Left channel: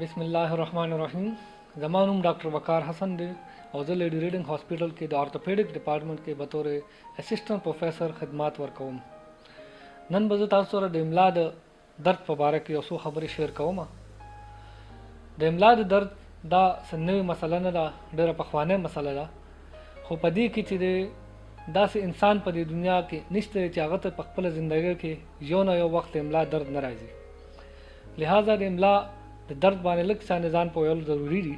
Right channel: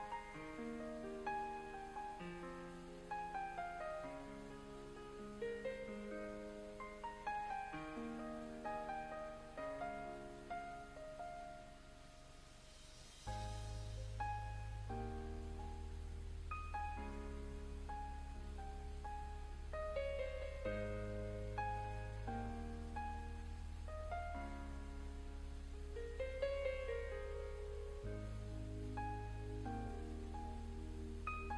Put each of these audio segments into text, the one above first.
بسم الله الرحمن الرحیم. زما نوم ډاکټر وقار حسن دی او زه لیډي ریډنګ هاسپټل کې د اورتوپیډک ډپارټمنټ کې بطور اسسټنټ پروفیسر خدمات ورکوم. نن به زه تاسو سره د املا د درد په باره کې یو څو خبرې شیر کوم. د املا د درد دا نوې مسله نه ده، ډېره پخوانۍ مسله ده، خو په دې کې چې داسې انسان په دې دنیا کې نشته چې هغه ته په خپله زندګۍ کې یو نه یو وخت املا درد نه راځي. لہذا د املا د درد باندې لږ څه ځان پوهول ضروري دي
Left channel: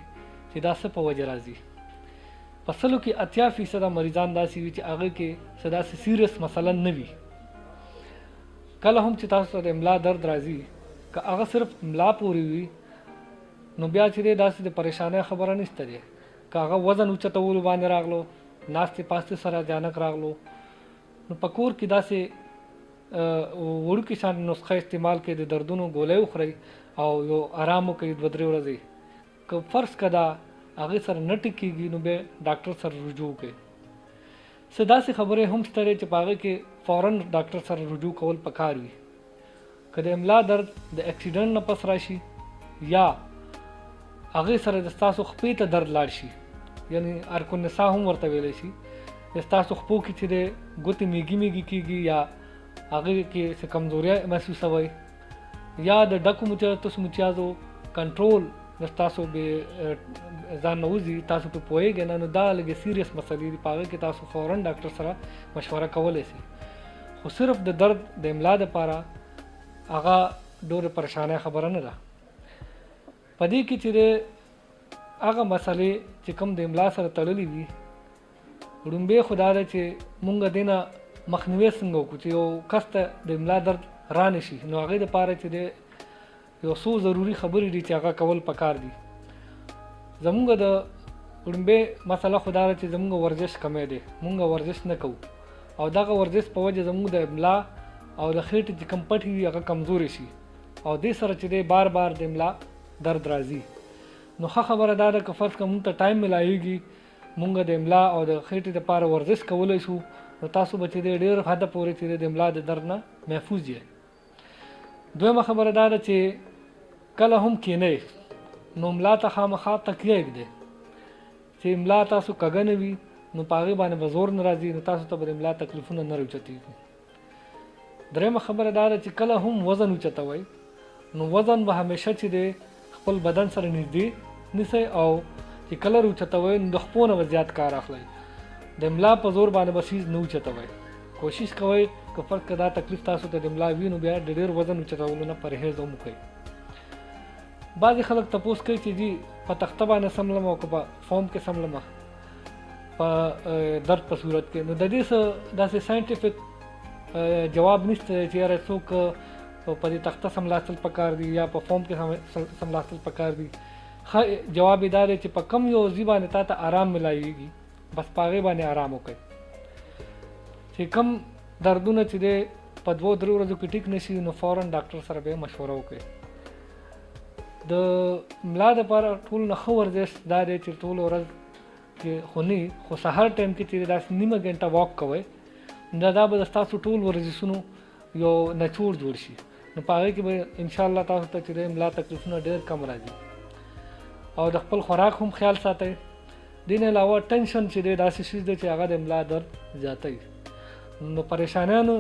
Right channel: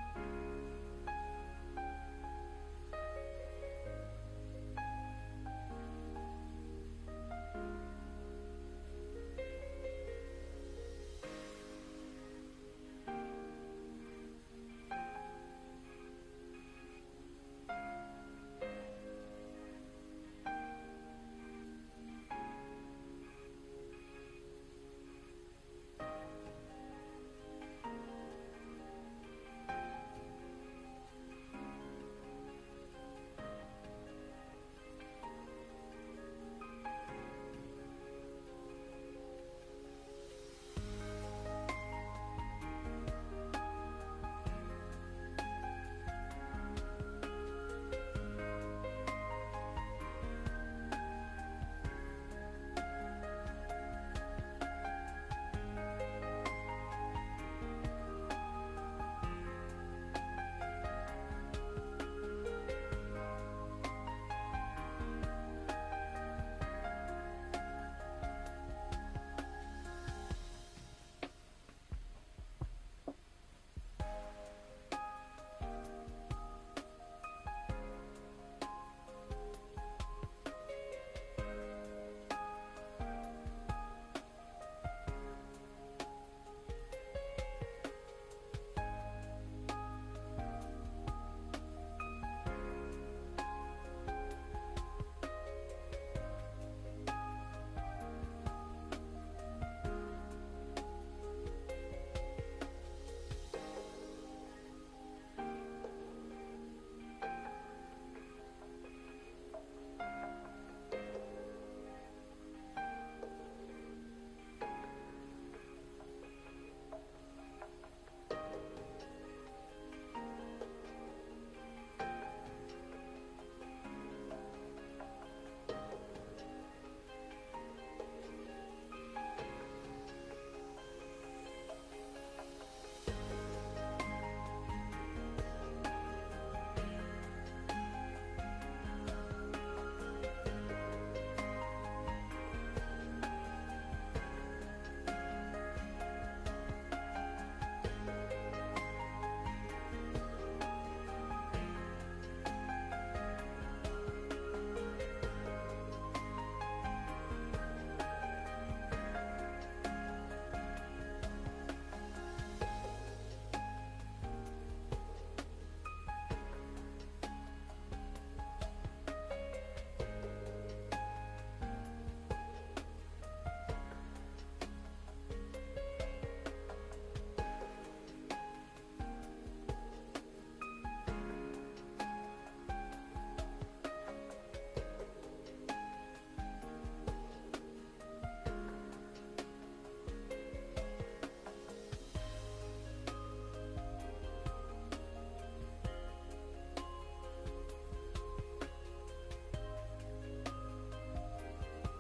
چې دا څه په وجه راځي. په سلو کې 80% مریضان داسې وي چې هغه کې څه داسې سیریس مثلا نه وي. کله هم چې تاسو ته د املا درد راځي که هغه صرف املا پورې وي نو بیا چې داسې د پریشانۍ خبره نشته دی. که هغه وزن اوچتولو باندې راغلو، ناستې پاستې سره اچانک راغلو، نو په کور کې داسې وړوکې شان نسخه استعمال کړئ، د دردونو ګولۍ وخورئ او یو آرام وکړئ 2-3 ورځې. که فرض که دا هغې سره نه ټیکېږي نو بیا ډاکټر سره رجوع کړئ. څه داسې خبرې هم شته چې په هغې کې فوراً ډاکټر سره رجوع کول پکار وي. که د املا درد د اکسیډنټ نه پس راشي یا هغې سره د ستاسو خپې ته درد لاړ شي، یعنی ارکونسا هم ورته ویلی شي، د ستاسو خپو کې چې د ګوتې میږي میږي کېږي یا هغې کې څه کمزوریا محسوسوئ یا د ډکو مچیازو کنټرول د ستاسو ځان نه وځي، تاسو پرې پوهېږئ نه، نو دا لږې سیریس مسلې دي. په هغې کې تاسو فوراً ډاکټر سره مشوره کولی شئ. خو صرف د درد د املا دپاره هغه ډېرې پریشانۍ خبره نه ده. په دې کې چې هغه مسلې چې کوم د املا سره تړلې وي، لومبۍ خو دا ده چې مونږ دې نه مخنیوی څنګه وکړو چې یو کس ته د املا درد را نه شي. نو هغې دپاره چې یو څو ضروري خبرې دي چې هغه کول پکار دي. زمونږ د لومبۍ مسله خو دا ده چې زمونږ ورزش کمی دی، مونږ ورزش نه کوو او دغه ورزش په وجه زمونږ د املا او د خېټې چې کوم پټې وي هغه کمزورې شي او دې سره چې دی بار بار د املا درد راځي. نو ښه خبره دا ده که فرض که مونږ ته ټایم ملایږي مونږ د املا او د خېټې دپاره ورزش کولی شو، نو تاسو به چې دی ډېر حده پورې چې د املا د درد نه محفوظ یې. دویمه خبره دا ده چې کله هم کینئ نو املا ته خامخا تکیه ږدئ. چې املا تاسو کږه نه وي نو په هغې باندې به زور نه راځي، نو تاسو ته به د املا تکلیفونه نه راوچتېږي. درېیمه خبره دا ده چې کله هم وزن اوچتوئ نو وزن به همیشه چې دی خپل بدن سره نږدې نیسئ او چې کله راوچتوئ نو د خپو نه به زیات کار اخلئ. د املا په زور باندې به څیز نه اوچتوئ. کوشش کوئ که فرض که دا تکلیف تاسو ته د املا وي نو بیا د ډېر وزن اوچتولو نه پرهیز هم وکړئ. بعضې خلک تپوس کوي چې جي په تخته باندې سملم او که په فوم کې سملم په درد په صورت کې، نو د دې څه داسې ساینټیفک جواب نشته چې یاره څوک په دې تخته سملاستل پکار دي یا په فوم کې سملاستل پکار دي. ښه جواب یې دا دی چې په کم یو ځي باندې تا ته آرام ملایږي بس په هغې باندې آرام وکړئ. چې کم دردونه چې دی په 2-3 ورځو کې ټیک نه شي نو فوراً ډاکټر سره به مشوره وکړئ. د ملا دپاره ټول نه ښه ورزش دا دی چې ټوله ورځ کې خو نه خو سهار ټایم کې چې داسې نیمه ګنټه واک کوئ نو دا به د ستاسو ټول ورزشونو یو نچوړ جوړ شي. نو په هغې کې به انشاءالله تاسو ته چې د ملا تکلیفونه ډېر کم راځي. او د خپل خوراک هم خیال ساتئ. دې نه علاوه ټینشن چې دی داسې شیز دی چې هغه د ملا درد زیاتوي. نو پریشانیانو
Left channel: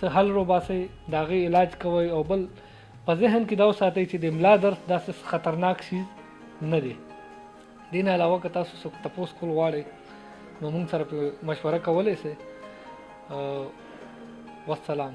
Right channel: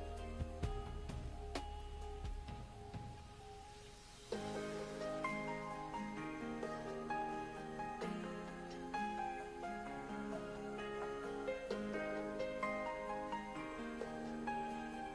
څه حل روباسئ، د هغې علاج کوئ او بل په ذهن کې دا وساتئ چې د ملا درد داسې خطرناک شي نه دی. دې نه علاوه که تاسو څوک تپوس کول غواړئ نو موږ سره مشوره کولی شئ. والسلام.